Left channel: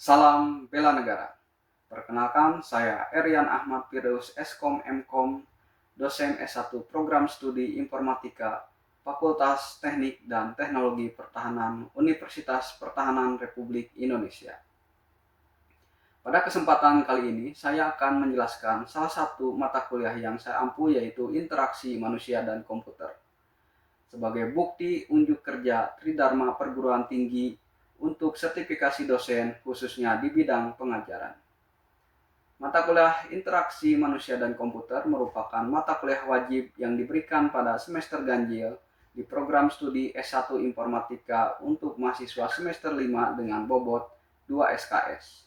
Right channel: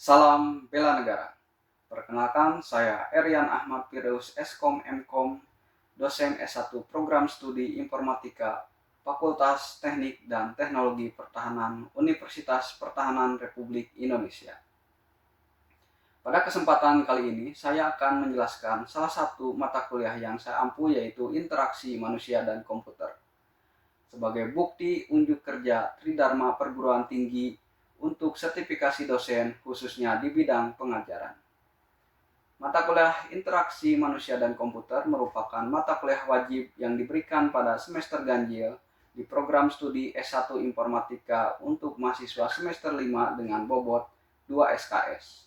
Salam bela negara. Perkenalkan, saya Erian Ahmad Firdaus Eskom Mkom, dosen S1 Program Studi Informatika, Fakultas Teknik dan Teknologi Pertahanan Universitas Pertahanan Republik Indonesia. Pada kesempatan kali ini, saya akan menjelaskan salah satu mata kuliah yang saya ampu, yaitu Interaksi Manusia dan Komputer. Sebagai bukti unjuk kerja Tridharma Perguruan Tinggi untuk sertifikasi dosen khususnya di bidang pengajaran. Mata kuliah Interaksi Manusia dan Komputer merupakan mata kuliah wajib yang diberikan pada semester ganjil di program studi S1 Informatika untuk mahasiswa semester 5 dengan bobot 2 SKS.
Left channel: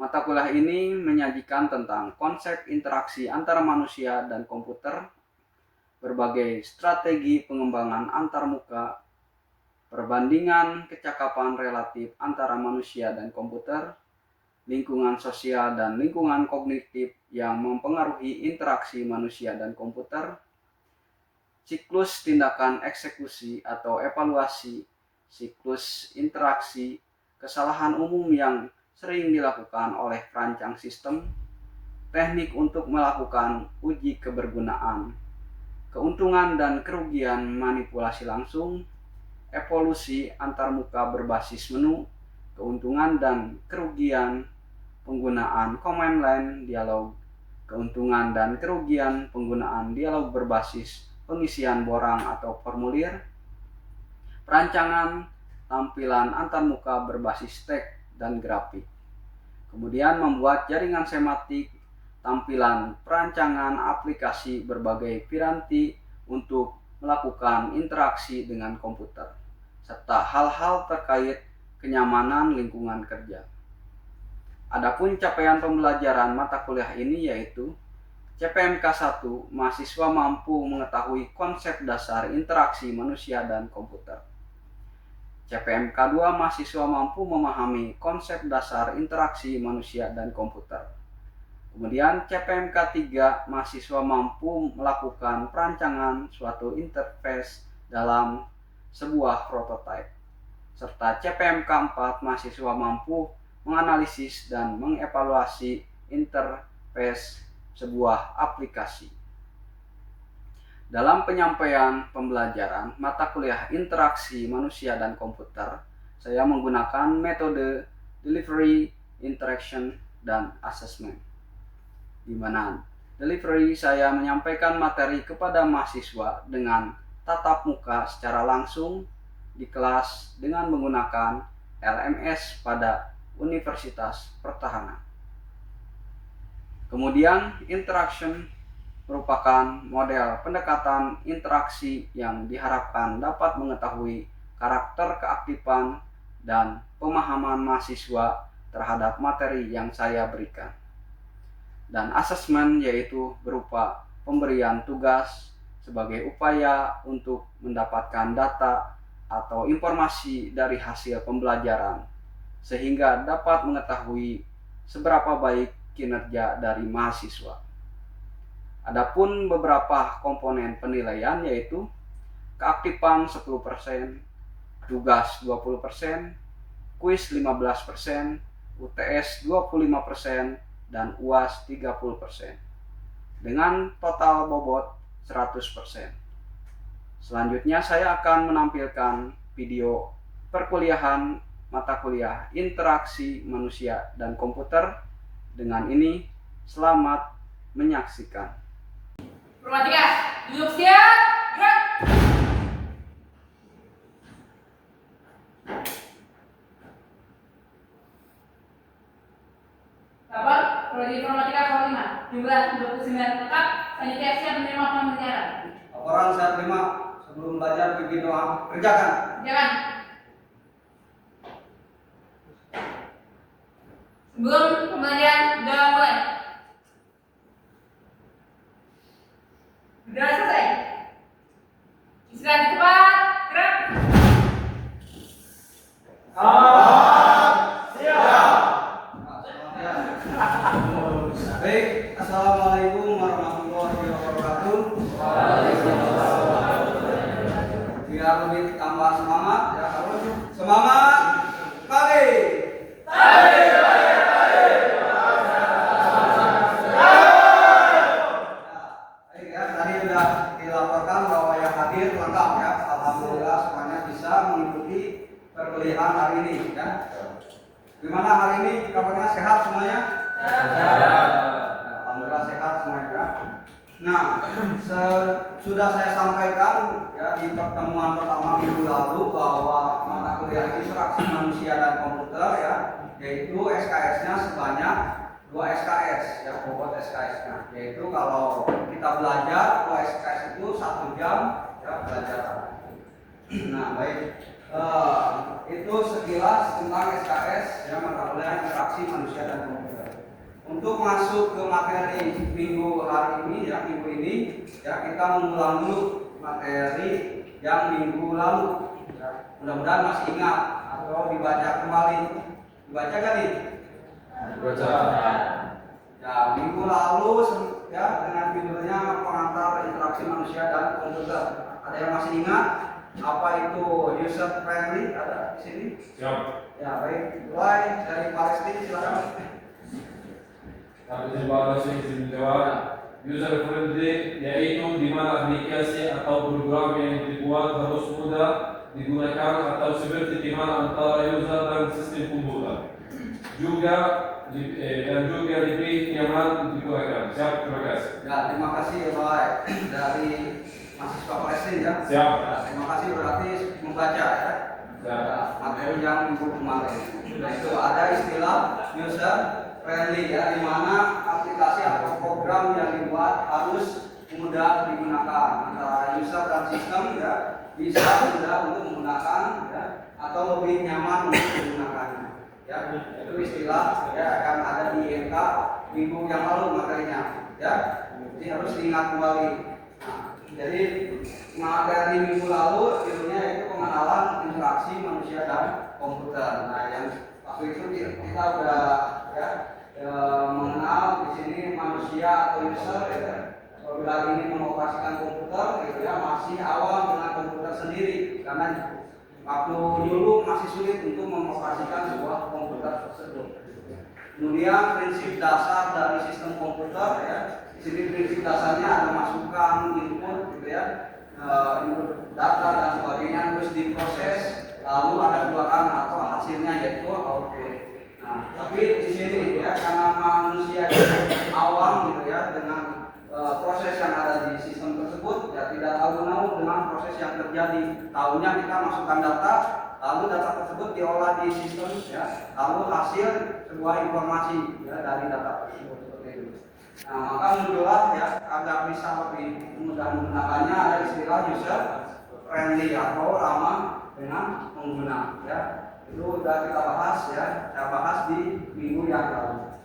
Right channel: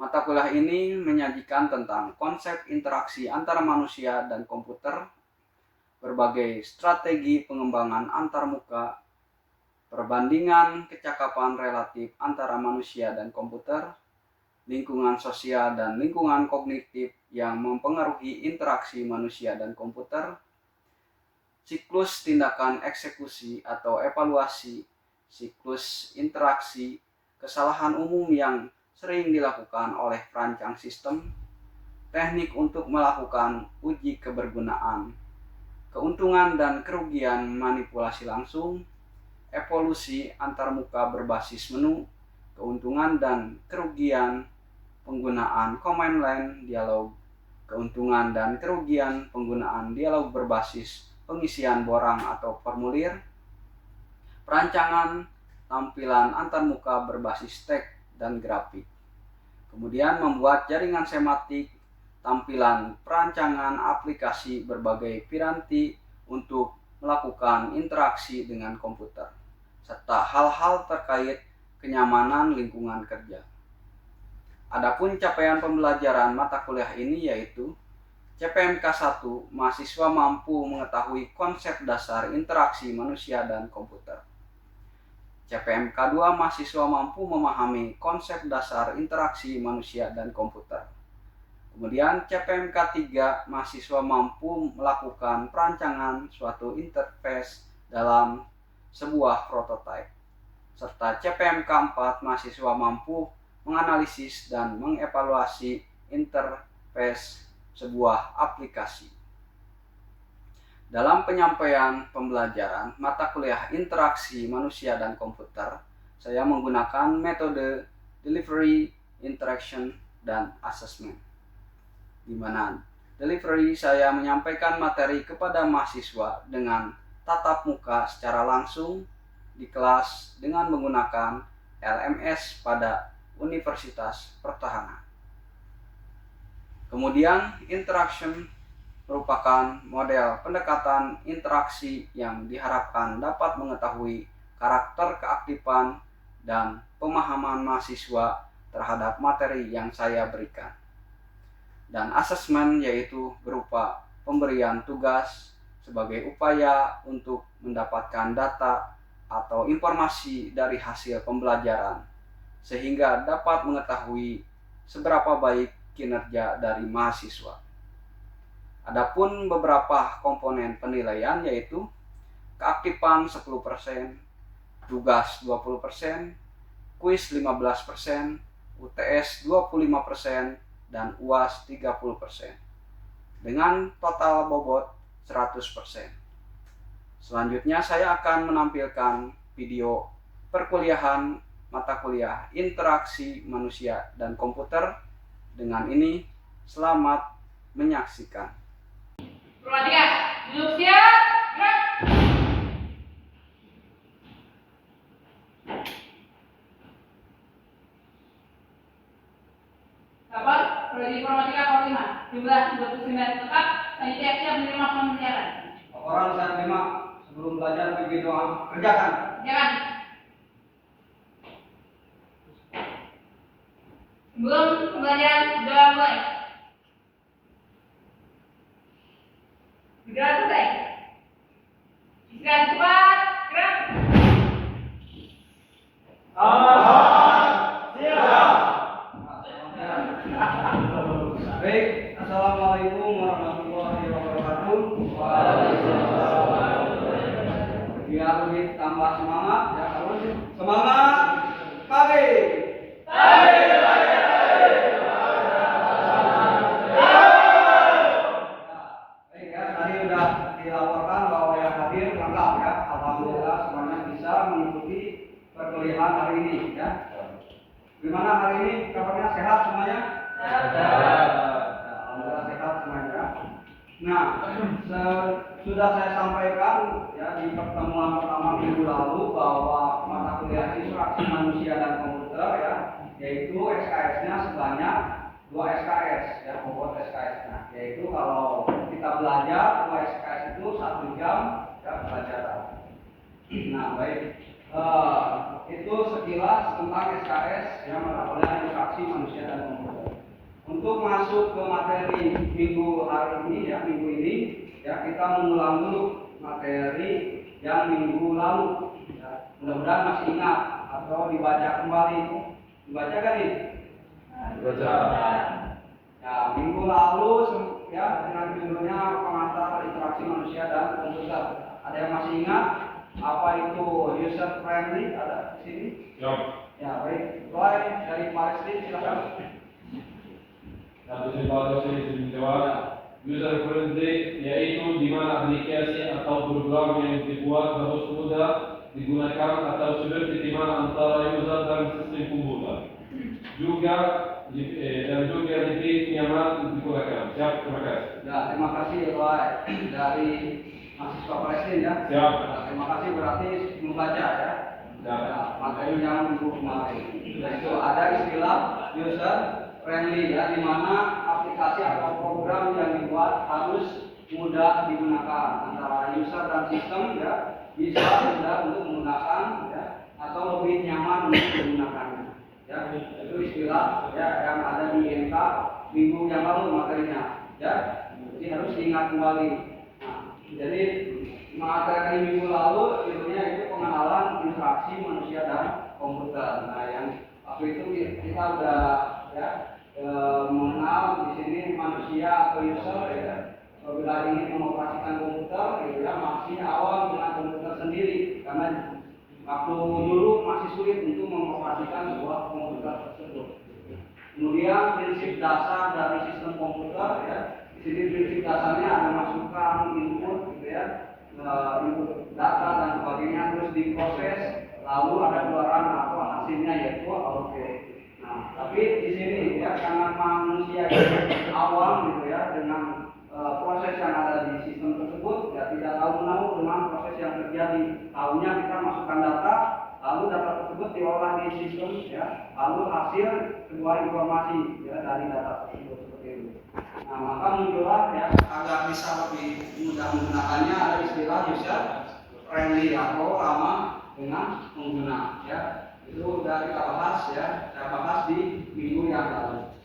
Mata kuliah ini menyajikan tentang konsep interaksi antara manusia dan komputer, berbagai strategi pengembangan antarmuka, perbandingan kecakapan relatif antara manusia dan komputer, lingkungan sosial dan lingkungan kognitif yang mempengaruhi interaksi manusia dan komputer, siklus tindakan eksekusi atau evaluasi, siklus interaksi, kesalahan umum yang sering dilakukan oleh perancang sistem, teknik untuk melakukan uji kebergunaan, keuntungan dan kerugian manipulasi langsung, evolusi antarmuka berbasis menu, keuntungan dan kerugian penggunaan command line dialog, keuntungan dan kerugian penggunaan dialog berbasis pengisian borang atau formulir, perancangan tampilan antarmuka berbasis teks dan grafik. Kemudian membuat jaringan semantik, tampilan perancangan aplikasi berbagai piranti untuk melakukan interaksi dengan komputer, serta hal-hal terkait kenyamanan lingkungan kerja. Adapun capaian pembelajaran mata kuliah ini yaitu CPMK 1, mahasiswa mampu mengetahui konsep dasar interaksi manusia dan komputer. CPMK 2, mahasiswa mampu memahami konsep dasar interaksi manusia dan komputer. Kemudian CPMK 3, mahasiswa mampu melakukan perancangan suatu interface dalam sebuah prototipe. Serta CPMK 4, mahasiswa mampu menganalisis dan mengevaluasi interface sebuah aplikasi. Dalam penyampaian pembelajaran mata kuliah interaksi manusia dan komputer, saya menggunakan metode delivery, interaction, dan assessment. Di mana delivery saya menyampaikan materi kepada mahasiswa dengan tatap muka secara langsung di kelas dengan menggunakan LMS pada Universitas Pertahanan. Kemudian interaction merupakan model pendekatan interaksi yang diharapkan dapat mengetahui karakter keaktifan dan pemahaman mahasiswa terhadap materi yang saya berikan. Dan asesmen yaitu berupa pemberian tugas sebagai upaya untuk mendapatkan data atau informasi dari hasil pembelajaran sehingga dapat mengetahui seberapa baik kinerja dari mahasiswa. Adapun beberapa komponen penilaian yaitu keaktifan 10%, tugas 20%, kuis 15%, UTS 25%, dan UAS 30%. Dengan total bobot 100%. Selanjutnya saya akan menampilkan video perkuliahan mata kuliah Interaksi Manusia dan Komputer. Dengan ini, selamat menyaksikan. Informatika, duduk siap, gerak. Kapan? Prodi Informatika kelas 5, jumlah 29 tetap, panitia siap menerima pembelajaran. Laporan saya terima. Sebelum belajar pimpin doa. Kerjakan. Kerjakan. Sebelum pembelajaran, doa mulai. Sudah selesai. Istirahat di tempat, gerak. Baik, assalamualaikum warahmatullahi wabarakatuh. Biar lebih tambah semangat, ya harus semangat pagi. sehat semuanya? Sehat. Alhamdulillah sehat semuanya. Nah, sudah saya sampaikan ya di pertemuan pertama minggu lalu bahwa mata kuliah interaksi manusia dan komputer ya, yaitu SKS-nya sebanyak 2 SKS ya, bobot SKS-nya. Yaitu kalau kita belajar 2 SKS itu 1 jam ya pelajaran. Nah, baik. Itu sekilas tentang SKS ya, mata kuliah interaksi manusia dan komputer. Untuk masuk ke materi minggu hari ini ya, minggu ini ya, kita mengulang dulu materi yang minggu lalu ya. Mudah-mudahan masih ingat atau dibaca kembali. Dibaca kan nih? Dibaca. Ya, minggu lalu ya dengan judulnya pengantar interaksi manusia dan komputer. Ada yang masih ingat apa itu user friendly? Ada di sini? Siap. Ya, baik. Mulai dari Palestina silakan. Aplikasi menjawab user friendly yaitu di mana aplikasi atau program yang dibuat harus mudah digunakan atau seperti di mana antara user dan sistem komputer. Juga lebih nyaman digunakan. Siap, terima kasih. Ya, terima kasih Pak dari mahasiswa Palestina ya. Siap. Ya, terima kasih berarti membaca ya. Siap. Ya, materi yang minggu kemarin. Nah, itu ada istilah user friendly ya, di mana aplikasi atau program yang dibuat harus mudah digunakan antara user dan sistem ya, bisa mudah untuk menggunakan ya, atau lebih nyaman untuk digunakannya ya. Itu istilah ya yang ada di IMK minggu yang lalu materinya ya, jadi harus diingat kembali. Nah, jadi materi minggu lalu judulnya itu pengenalan interaksi manusia dan komputer. Nah, yang waktu itu kita udah ya mengenal di sini manusia atau user ya. Apabila ingin mengoperasikan komputer gitu ya, masih awam dengan komputer sendiri karena waktu dulu masih sulit untuk mengoperasikan sebuah komputer tersebut. Kemudian prinsip dasar dari sistem komputer ya. Di sini prinsip dasarnya ada masukan, input gitu ya, input data dan sebagainya, terus diproses, lalu ada keluaran atau hasilnya yaitu output. Nah, tapi di sini ya karena manusia awam gitu ya dengan proses yang ada di sistem tersebut ya, tidak tahu-tahu dengan proses yang terjadi. Tahunya kita masukkan data, lalu data tersebut diolah di sistem ya, lalu hasil sebuah informasi ya dari data tersebut seperti itu. Nah, maka muncullah ya agar bisa lebih mudah menggunakannya ada istilah user friendly atau ramah dengan pengguna ya. Itu sudah kita bahas ya, saya bahas di minggu yang lalu.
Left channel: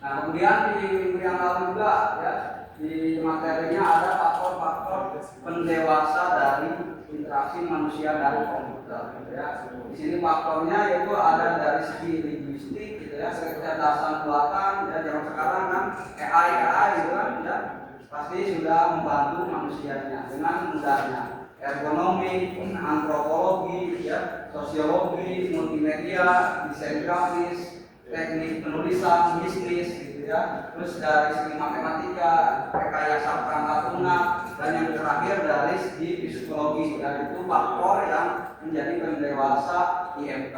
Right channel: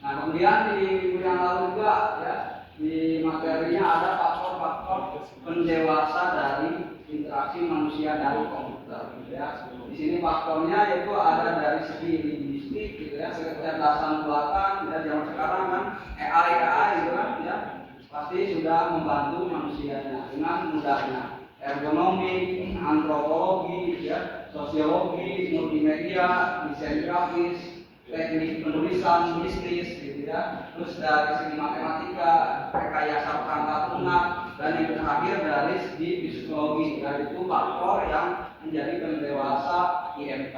Nah, kemudian di minggu yang lalu juga ya, di materinya ada faktor-faktor pendewasa dari interaksi manusia dan komputer ya. Di sini faktornya yaitu ada dari segi linguistik gitu ya, kecerdasan buatan ya, zaman sekarang kan AI gitu kan ya, pasti sudah membantu manusianya dengan mudahnya. Ergonomi, antropologi ya, sosiologi, multimedia, desain grafis, teknik penulisan, bisnis gitu ya. Terus dari segi matematika, rekayasa perangkat lunak, dan yang terakhir dari segi psikologi, yaitu faktor yang menjadi pendewasa IMK.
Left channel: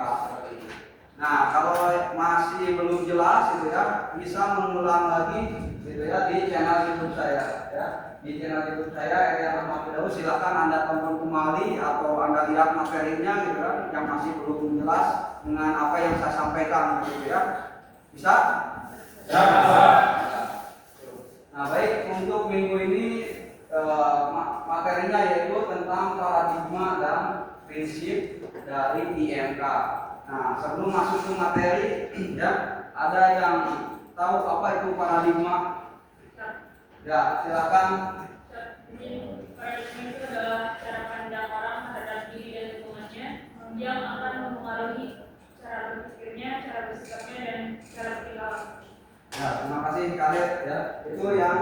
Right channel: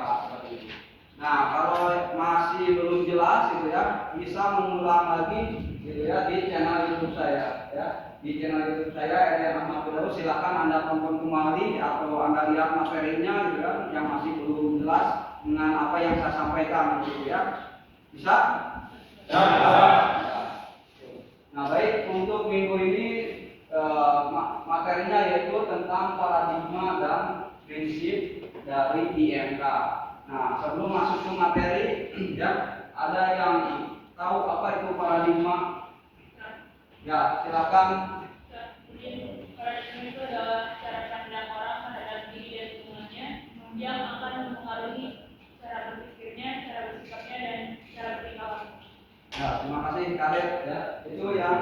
Nah, kalau masih belum jelas gitu ya, bisa mengulang lagi gitu ya di channel YouTube saya ya. Di channel YouTube saya Erian Ahmad Firdaus, silakan Anda tonton kembali atau Anda lihat materinya gitu kan yang masih belum jelas dengan apa yang saya sampaikan gitu ya. Bisa? Ya. Nah, baik, untuk minggu ini materinya yaitu tentang paradigma dan prinsip dari IMK. Nah, sebelum masuk ke materi ya, ada yang tahu apa itu paradigma? Ya, silakan. Jadi paradigma itu adalah cara pandang orang terhadap diri dan lingkungannya yang akan mempengaruhi cara berpikirnya, cara bersikapnya, dan cara berperilaku. Ya, terima kasih Khalid ya. Itu yang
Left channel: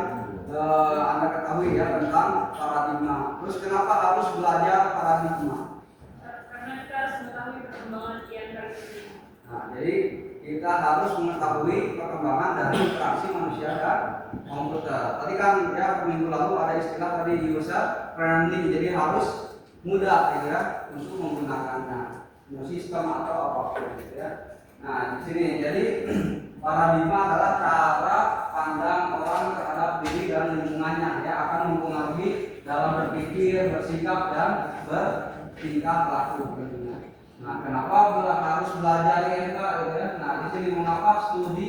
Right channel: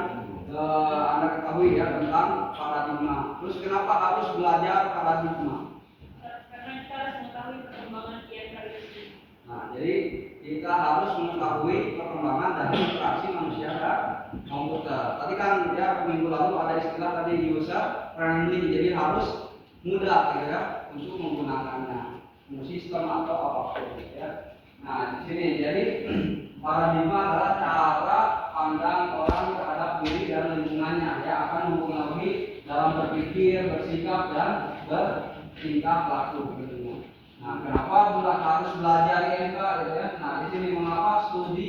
Anda ketahui ya tentang paradigma. Terus kenapa harus belajar paradigma? Karena kita harus mengetahui perkembangan IMK ini. Nah, jadi kita harus mengetahui perkembangan dari interaksi manusia dan komputer. Tadi kan ya minggu lalu ada istilah tadi user friendly, jadi harus mudah gitu ya untuk menggunakannya, sistem atau apapun gitu ya. Nah, di sini jadi Paradigma adalah cara pandang orang terhadap diri dan lingkungannya, ya, akan mempengaruhi dalam berpikir, bersikap dan bertingkah laku. Nah, kenapa harus belajar IMK, gitu ya? Nah, di sini mengapa studi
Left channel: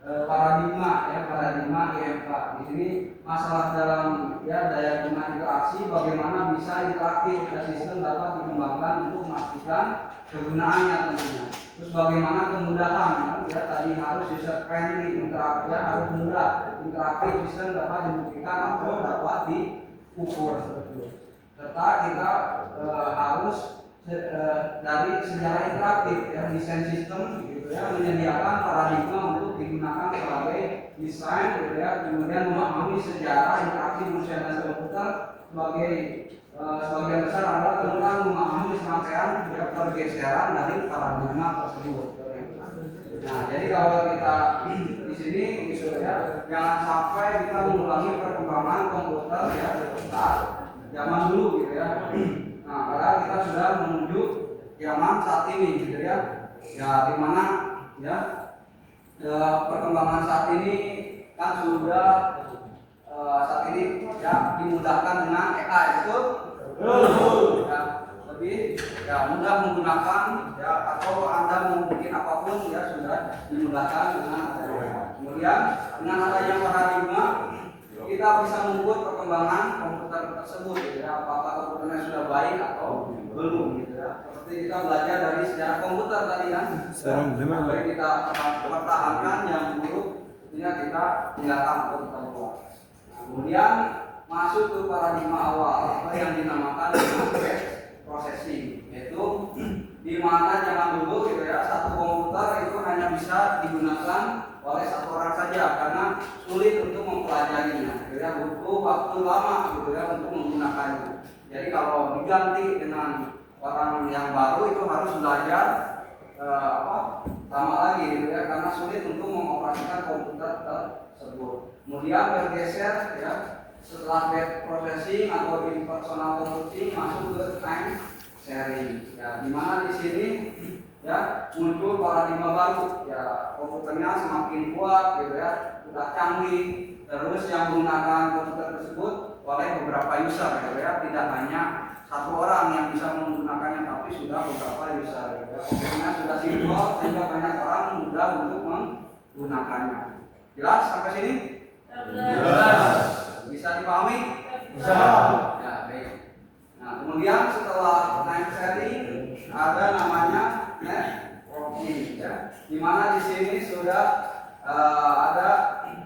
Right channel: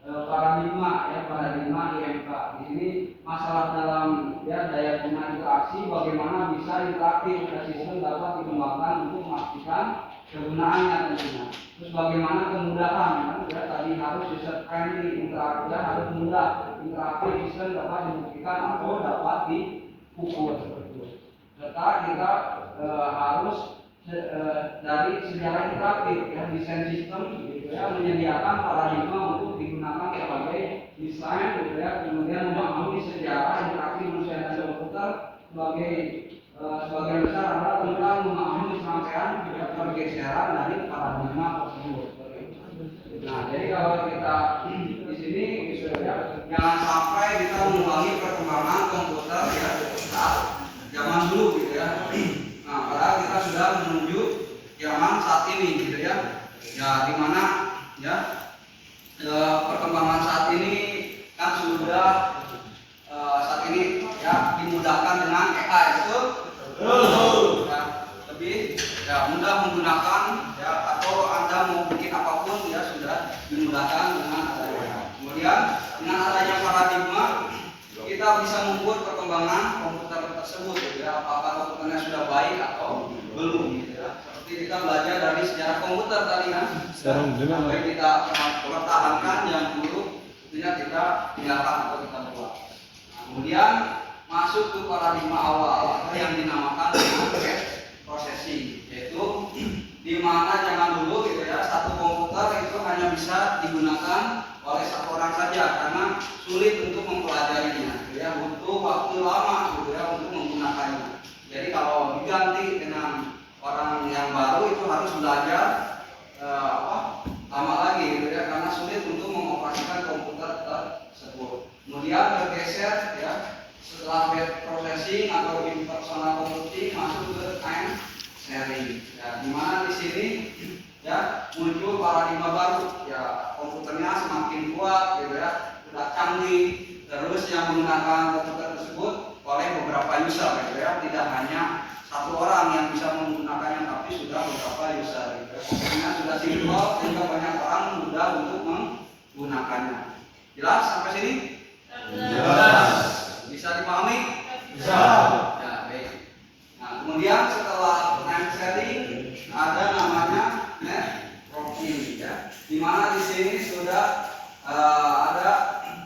paradigma, ya, paradigma IMK. Di sini masalah dalam, ya, daya guna interaksi, bagaimana bisa interaktif ya, sistem dapat dikembangkan untuk memastikan kegunaannya tentunya. Terus bagaimana kemudahan, ya, tadi harus user friendly, interaktif, ya, harus mudah, interaktif, sistem dapat dibuktikan atau dapat diukur. Serta kita harus dari sejarah interaktif, ya, desain sistem, gitu ya, menyediakan paradigma untuk digunakan sebagai desain, gitu ya, kemudian memahami sejarah interaksi manusia dan komputer sebagian besar adalah tentang memahami serangkaian, ya, pergeseran dari paradigma tersebut. Nah, jadi kalau kita di sini, gitu ya, jangan sampai kita mengulangi perkembangan komputer, ya, saat zaman dulu, gitu ya. Nah, padahal kita sudah menuju zaman saat ini, gitu ya. Ya, di mana, ya, perkembangan saat ini kan sudah saat ini, ya, dimudahkan dengan AI, betul? Ya, lebih, ya, mudah menggunakan, ya, atau Anda mau bikin apapun, ya, sudah dimudahkan dengan adanya. Kemudian dengan adanya paradigma, kita bisa mengukur perkembangan komputer tersebut, ya, apakah komputernya sudah baik atau belum, gitu ya. Seperti kita belajar dari sejarah komputer tadi, kan, sampai kita pertahankan yang buruk, tentunya kita tinggalkan atau kita buat. Nah, kemudian masuk ke paradigma awal, yang dinamakan dengan processing, yaitu di mana zaman dulu, gitu ya, satu komputer itu hanya bisa digunakan oleh satu orang saja karena sulit untuk mempelajarinya, gitu ya, butuh waktu lama, gitu ya, untuk menggunakannya. Jadi kalau diganti dengan orang yang baru itu harus belajar lama lagi, gitu ya, karena sulit untuk mengoperasikan komputer tersebut. Kemudian bergeser, ya, setelah web processing atau impersonal computing masuk ke time sharing, ya, dimana di sini, ya, muncul paradigma baru, ya, komputernya semakin kuat, gitu ya, sudah canggih, terus yang menggunakan komputer tersebut oleh beberapa user, gitu ya, tidak hanya satu orang yang bisa menggunakannya, tapi sudah beberapa user, gitu ya. Komputernya sudah simpel sehingga banyak orang mudah untuk menggunakannya. Jelas sampai sini? Jelas. Bisa dipahami? Bisa. Ya, baik. Nah, kemudian setelah time sharing ada namanya networking, ya, di mana di sini sudah ada,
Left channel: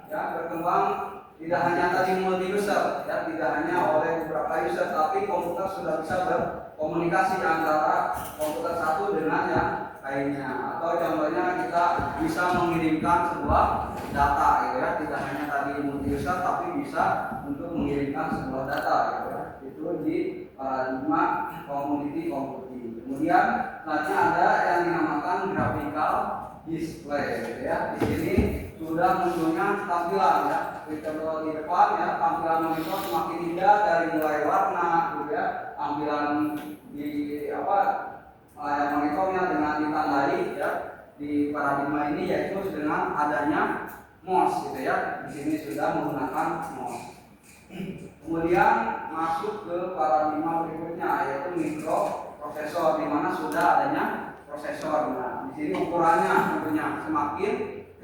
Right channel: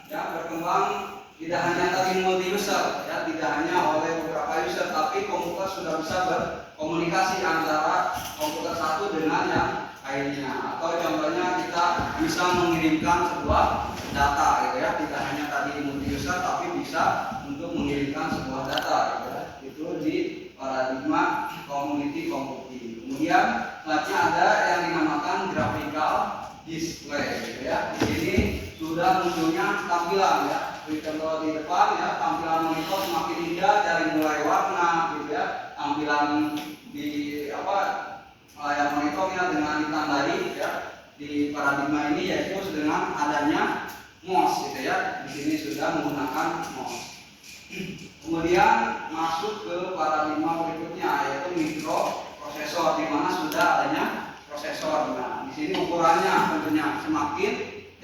ya, berkembang tidak hanya tadi multi user, ya, tidak hanya oleh beberapa user, tapi komputer sudah bisa berkomunikasi antara komputer satu dengan yang lainnya. Atau contohnya kita bisa mengirimkan sebuah data, gitu ya, tidak hanya tadi multi user tapi bisa untuk mengirimkan sebuah data, gitu ya. Itu di paradigma community computing. Kemudian selanjutnya ada yang dinamakan graphical display, gitu ya. Di sini sudah munculnya tampilan, ya, kalau di depan, ya, tampilan monitor semakin indah dari mulai warna, gitu ya, tampilan di layar monitornya dengan ditandai, ya, di paradigma ini yaitu dengan adanya mouse, gitu ya. Di sini sudah menggunakan mouse. Kemudian masuk ke paradigma berikutnya yaitu mikroprosesor, di mana sudah adanya prosesor. Nah, di sini ukurannya tentunya semakin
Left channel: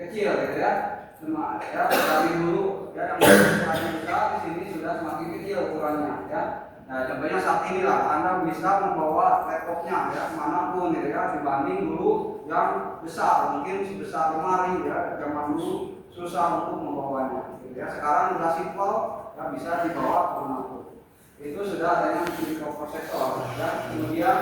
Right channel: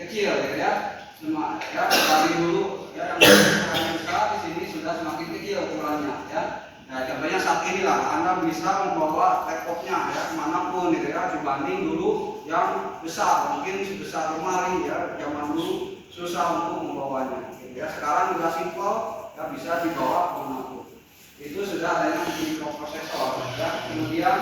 kecil, gitu ya. Ya, dari dulu, ya, yang ukurannya besar, di sini sudah semakin kecil ukurannya, ya. Nah, contohnya saat inilah Anda bisa membawa laptopnya, ya, kemanapun, gitu ya, dibanding dulu yang besar, mungkin sebesar lemari, ya, zaman dulu susah untuk membawanya, gitu ya. Sekarang sudah simpel, ya, bisa dibawa kemanapun. Itu sudah adanya mikroprosesor, ya. Kemudian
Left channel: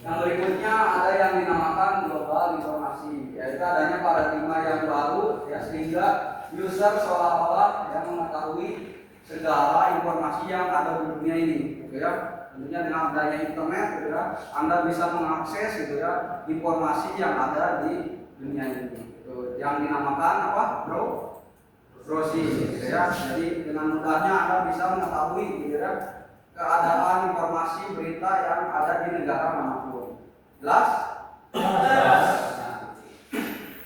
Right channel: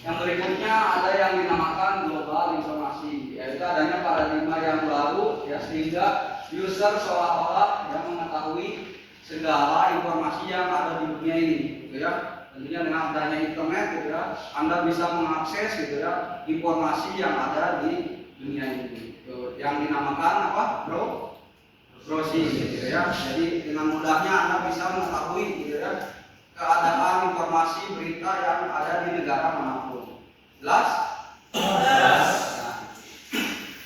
yang berikutnya ada yang dinamakan global informasi, yaitu adanya paradigma yang baru, ya, sehingga user seolah-olah yang mengetahui segala informasi yang ada di dunia ini, gitu ya. Tentunya dengan adanya internet, gitu ya, Anda bisa mengakses, gitu ya, informasi yang ada di dunia ini. Itu yang dinamakan apa? Browsing, gitu ya. Jadi dengan mudahnya Anda bisa mengetahui, gitu ya, keadaan informasi berita yang ada di negara manapun. Jelas? Jelas.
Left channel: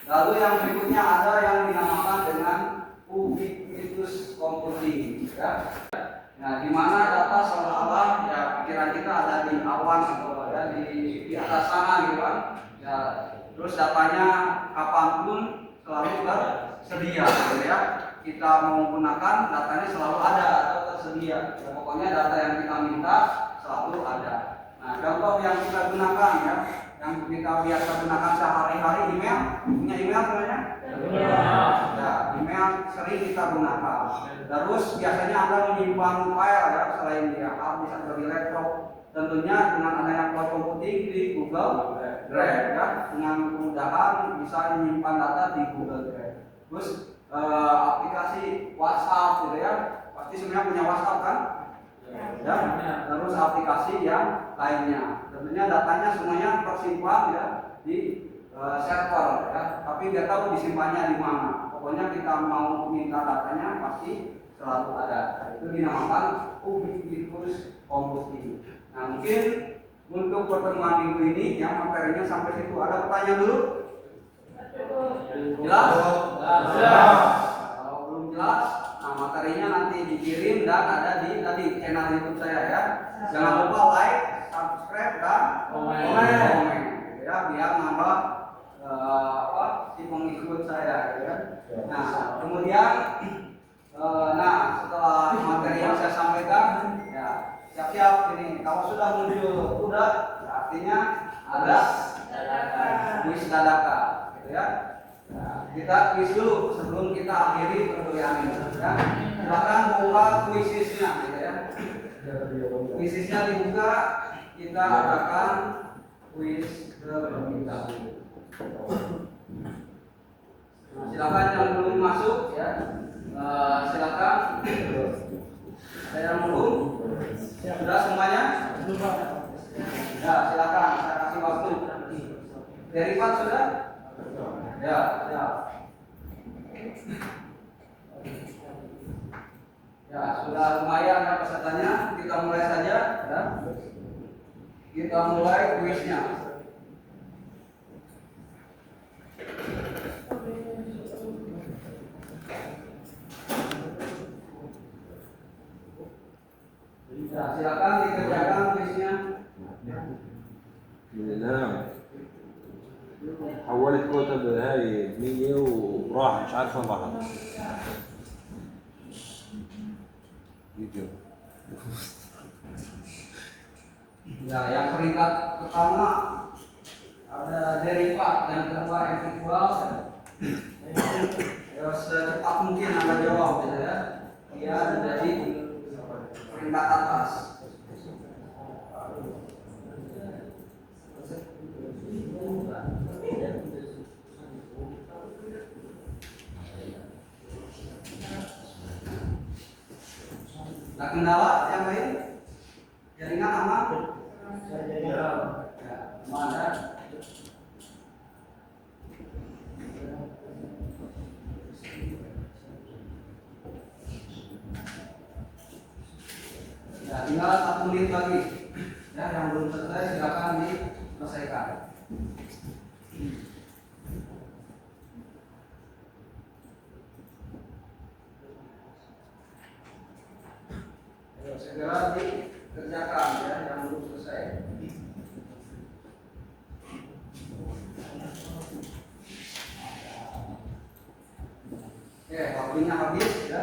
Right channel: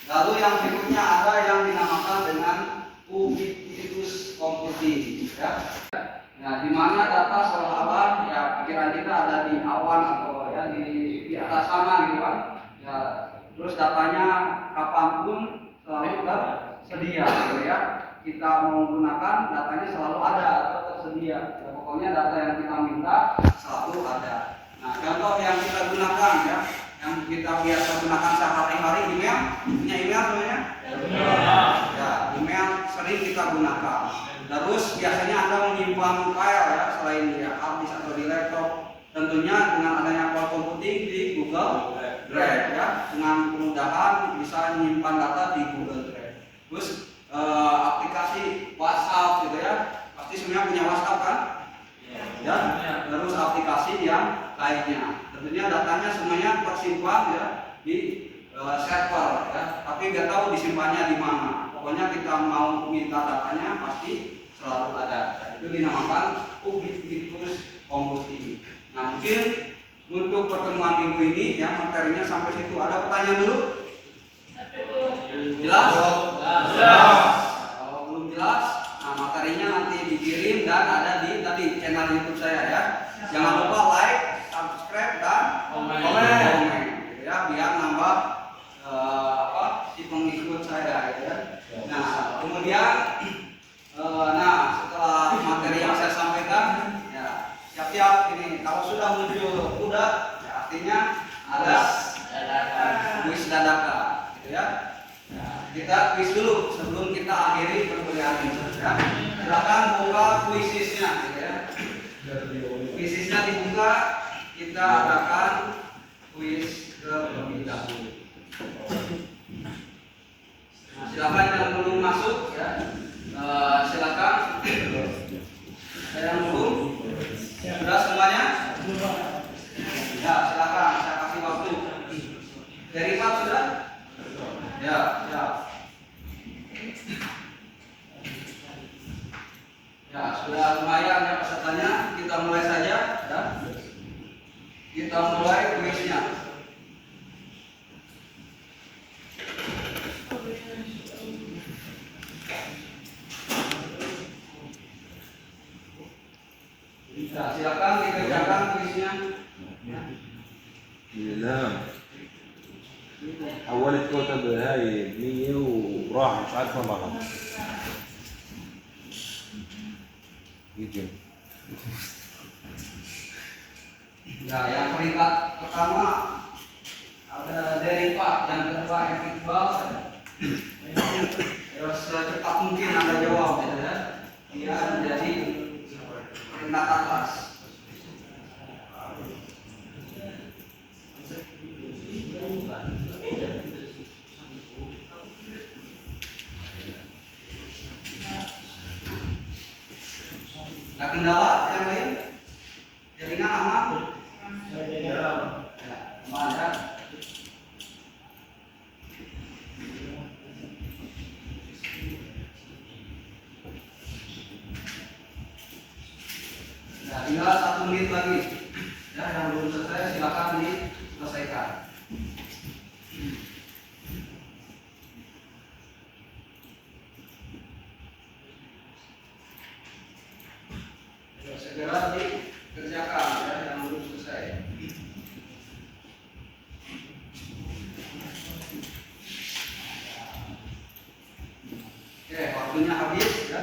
Lalu yang berikutnya selanjutnya ada yang dinamakan dengan ubiquitous computing, ya. Nah, di mana data seolah-olah ya pikiran kita ada di awan atau ya di atas sana gitu kan. Ya, terus datanya kapanpun selalu tersedia, gitu ya. Kita mau gunakan datanya selalu ada atau tersedia. Ya, pokoknya data yang kita minta selalu ada. Nah, contoh yang kita gunakan ya, yang kita biasa gunakan sehari-hari email, punya email semuanya? Ya, email sering kita gunakan. Terus biasanya Anda menyimpan file ya, selain di hard disk atau di laptop. Tentunya dengan adanya cloud computing di Google Drive ya, dengan kemudahan bisa menyimpan data di Google Drive. Terus aplikasi WhatsApp gitu ya, pasti semuanya punya WhatsApp kan? Ya. Terus aplikasi yang lainnya. Tentunya datanya semuanya tersimpan ya di server ya, tapi nggak tahu disimpannya di mana. Pokoknya kita mau minta datanya pasti selalu ada. Itu dinamakan ubiquitous computing. Nah, mungkin untuk pertemuan minggu ini yang materinya sampai situ. Ada pertanyaan dulu? Jelas? Kalau belum jelas, nah materinya nanti dikirim dan ada di tadi channel YouTube saya ya. Jangan lupa like, subscribe dan komen gitu ya, biar nambah si pengikut saya gitu ya. Nah, kemudian setelah materi yang saya sampaikan ya, siap-siap ini kalau sudah muncul kuda ya, artinya ada kuis dadakan gitu ya. Nah, kita kuis dulu sebelum kita akhiri perkuliahan ini ya. Silakan buka kuisisnya gitu ya. Kuisisnya dibuka, kita adakan kuis terlebih dahulu. Nah, silakan yang belum masuk ya, silakan. Ada yang belum? Sudah semuanya? Ya, silakan. Saya kasih waktu. Derivat sudah? Ya, ya. Ya, sudah lumayan ya pesertanya. Kita mulai saja ya. Kita mulai kuisnya. Ya, silakan dikerjakan kuisnya. نعم أول الكتب هاي 100 وراح مش عارف والله غلط فيديو Ya, yang peringkat pertama ada derivat, yang kedua integral. Ya, secepat mungkin Anda jawab gitu ya. Dia menjadi peringkat atas. Nah, kendala yang lain? Jaringan aman? Ya, aman ya. Ya, tinggal 1 menit lagi. Ya, yang belum selesai silakan diselesaikan. Ya, segera dikerjakan ya, yang belum selesai. Oke, waktunya habis ya.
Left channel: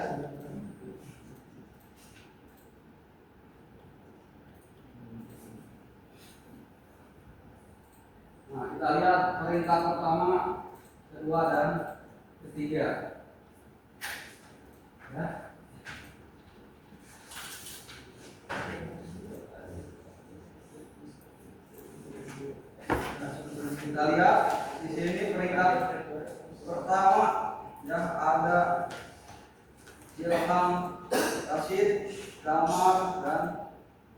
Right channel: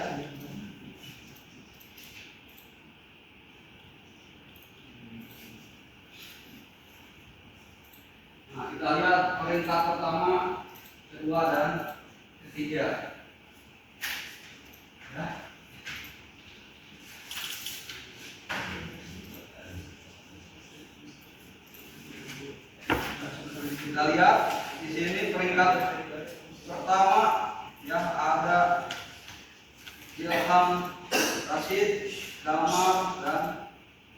Nah, kita lihat peringkat pertama, kedua dan ketiga. Ya. Kita lihat di sini peringkat pertama ya, ada Ilham, Rashid, Damar dan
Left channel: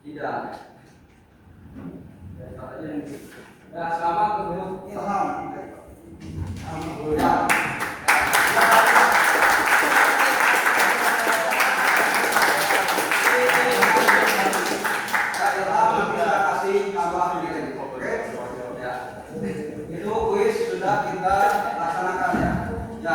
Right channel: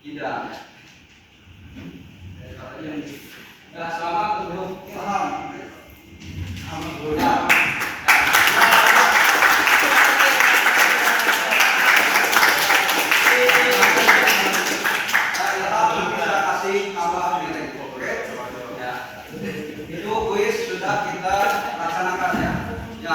Idan. Ya, selamat untuk Ilham. Ya. Ilham bisa kasih tambah miring, oke? Ya. Itu kuis sudah kita laksanakan ya. Ya,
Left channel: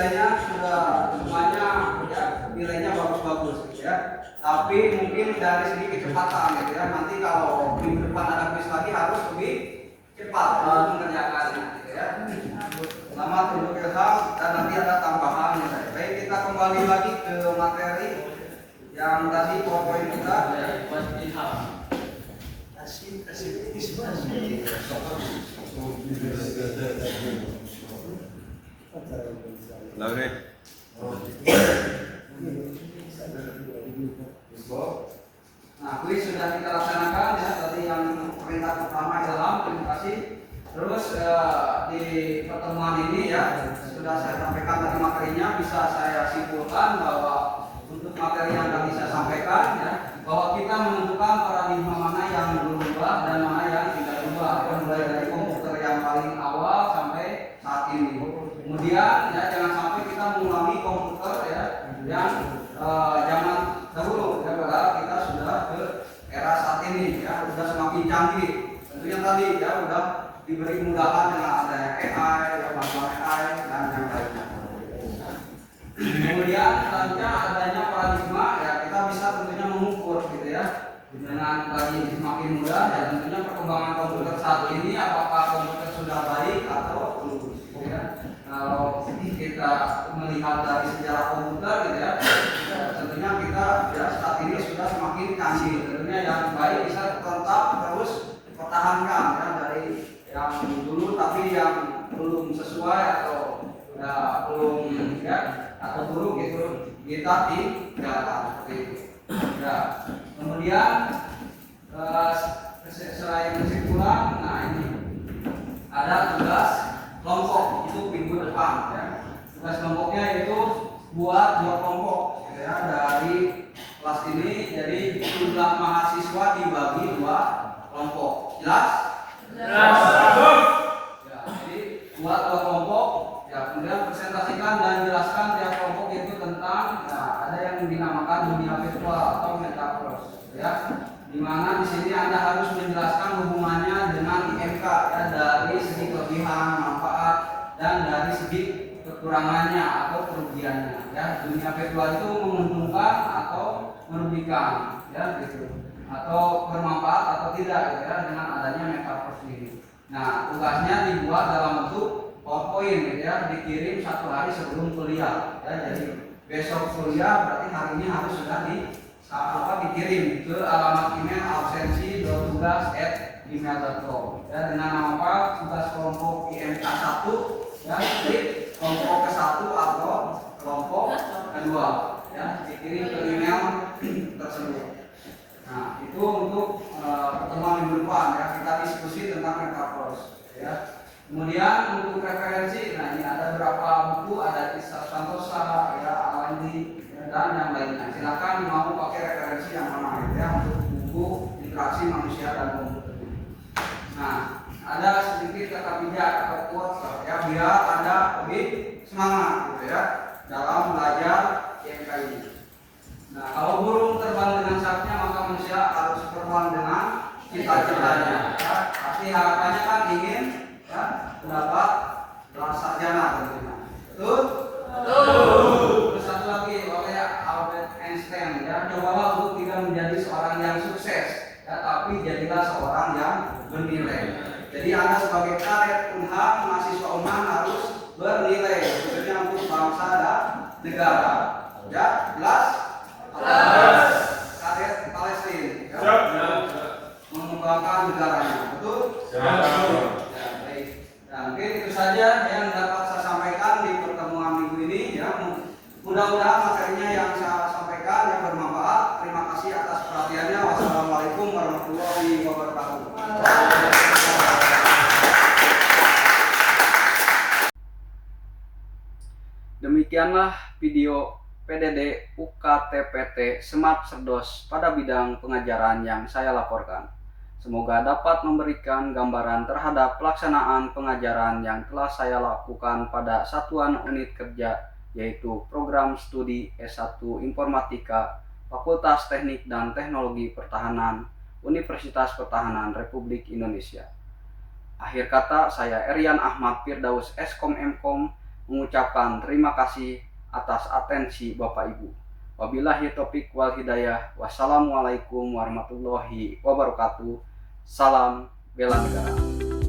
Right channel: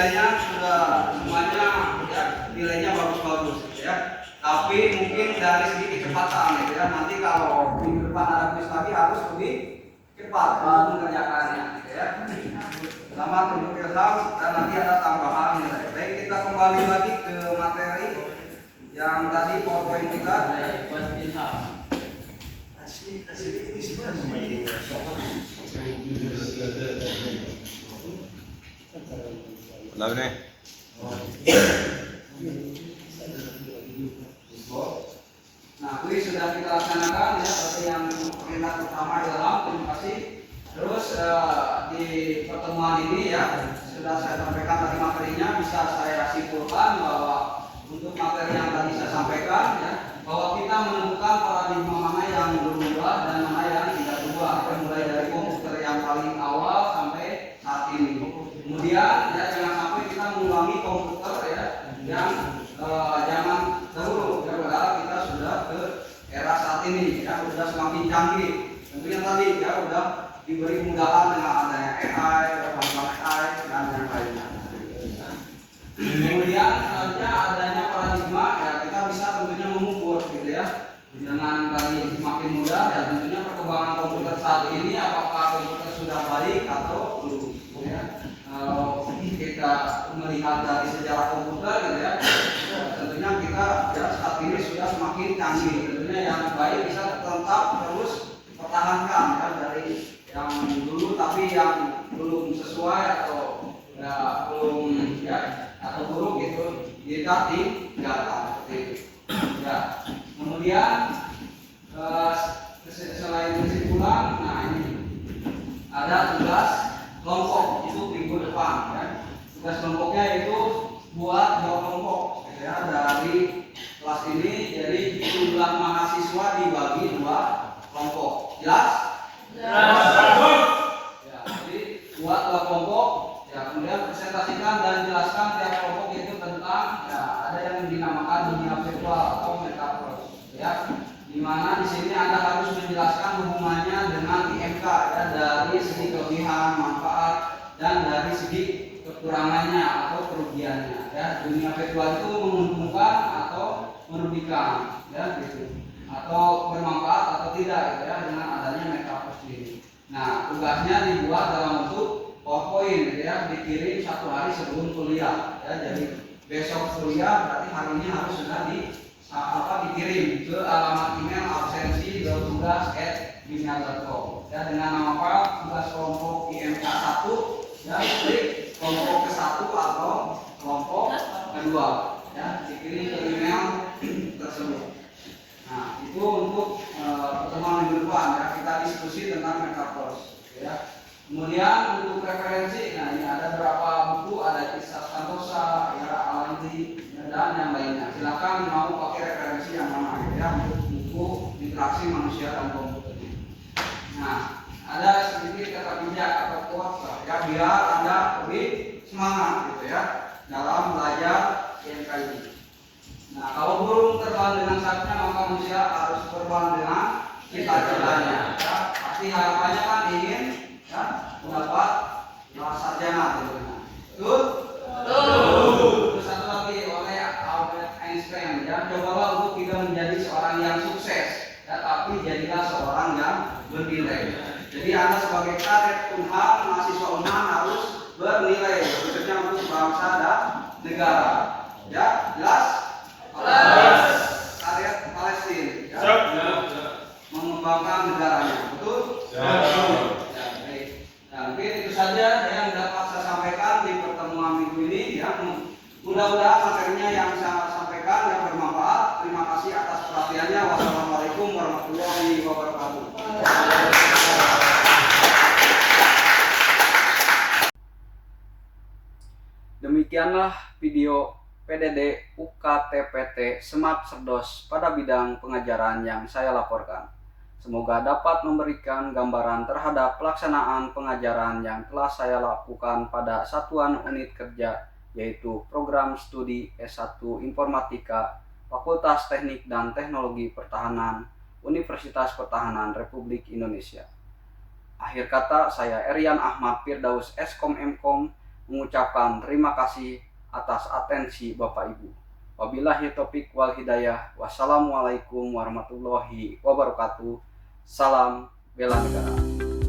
nilainya sudah semuanya ya, nilainya bagus-bagus gitu ya. Tapi mungkin dari segi kecepatan gitu ya. Nanti kalau minggu depan ada kuis lagi harus lebih cepat dalam mengerjakannya gitu ya. Selamat untuk ilham dan nanti ada tambahan nilai. Baik, kita kembali lagi ke materi yang tadi PowerPoint kita. Lagi. Nah, kuis sudah kita laksanakan ya, seperti yang perintah pertama ilham, terima kasih. Terus di pertemuan ini ya sudah saya sampaikan tadi materinya, bisa saya simpulkan bahwa untuk materi yang tadi saya sampaikan ya, bahwa kita menentukan paradigma mana yang berubah dan mana yang tidak berubah ya, mulai dari komputer yang paling awal sampai saat ini. Kemudian ya jangan sampai kita mengulangi komputer ya yang zaman dahulu ya, berharap kita sudah ke era saat ini ya, sudah semakin canggih. Tentunya tadi ya udah diberi kemudahan dengan adanya AI, bantuan AI dan yang lainnya. Kemudian selanjutnya adanya paradigma ya, kita bisa tentunya mengukur gitu ya, dengan tadi semakin mudah ya, tentunya perkembangan komputer saat ini apakah komputer sudah baik atau belum gitu ya. Kalau kita melihat dari sejarah komputer gitu ya, tentunya kita ya saat ini sudah semakin canggih. Tentunya yang baik bisa tetap terus dipertahankan ya, dari yang dulu tapi yang belum sesuai atau ya belum ya atau buruk itu kita tinggalkan seperti itu. Ya. Kemudian selain kesimpulan, nah ini ada tugas kelompok itu minggu depan ya. Tugas kelompoknya itu buat 2 kelompok gitu ya, dari kelas ini. Jadi jumlah mahasiswa dibagi 2 kelompok. Jelas? Jelas. Ya, jadi buat 2 kelompok ya, kemudian presentasikan dan jelaskan tiap kelompok itu tentang ya, ada yang dinamakan dunia virtual atau metaverse ya. Dimana di sini Anda harus menjelaskan hubungannya dengan IMK ya, dari segi kelebihan, manfaat dan dari segi kekurangannya atau kerugiannya ya. Dunia virtual itu menguntungkan atau merugikan ya gitu, atau bermanfaat atau tidak gitu ya, dengan adanya metaverse ini. Nah, tugasnya dibuat dalam bentuk PowerPoint gitu ya, dikirim 1 hari sebelum kuliah ya. Jadi besok kuliah berarti hari ini harus sudah dikirim ke alamat email absensi.tugas@gmail.com ya, dengan nama file tugas kelompok IMK 1 ya, klik kelompok ke-1 atau kelompok kedua ya, dikirim ke email tersebut. Nah, itu untuk pertemuan minggu depan ya, kita diskusi tentang metaverse ya. Kemudian untuk referensi, nah ini ada beberapa buku, ada Kisah Santosa, ya, Alandi dan yang lainnya. Silakan mau pakai referensi yang mana ya, untuk buku interaksi manusia dan komputer. Nah, ada sedikit kata bijak atau quotes ya, biar Anda lebih semangat gitu ya dalam belajar IMK ini. Nah, kalau burung terbang dengan sayapnya, maka manusia harus terbang dengan cita-citanya. Ya. Pasti harapannya kan ingin ya, mendapat gelar sarjana tentunya. Betul? Terus satu lagi oleh Albert Einstein ya, cobalah untuk tidak menjadi seorang yang sukses ya, tapi jadilah seorang yang bernilai. Jadi Anda sebagai kadet Unham, mahasiswa Unham harus bernilai, khususnya untuk bangsa dan negara. Ya, jelas? Kadet Palestina ya, mengembangkan negaranya, betul? Ya, baik. Nah, mungkin itu saja yang dapat saya sampaikan di pertemuan minggu ini ya. Mudah-mudahan materinya yang saya sampaikan yang bermanfaat. Terima kasih atas perhatiannya. Wassalamualaikum warahmatullahi wabarakatuh. Demikianlah video PDD UKTPT Smart Cerdos pada bidang pengajaran yang saya laporkan. Semoga dapat memberikan gambaran terhadap pelaksanaan pengajaran yang telah saya lakukan pada satuan unit kerja, yaitu program studi S1 Informatika Fakultas Teknik dan Teknologi Pertahanan Universitas Pertahanan Republik Indonesia. Akhir kata, saya Erian Ahmad Firdaus Eskom Mkom mengucapkan terima kasih atas atensi Bapak Ibu. Wabillahi taufiq wal hidayah. Wassalamualaikum warahmatullahi wabarakatuh. Salam bela negara.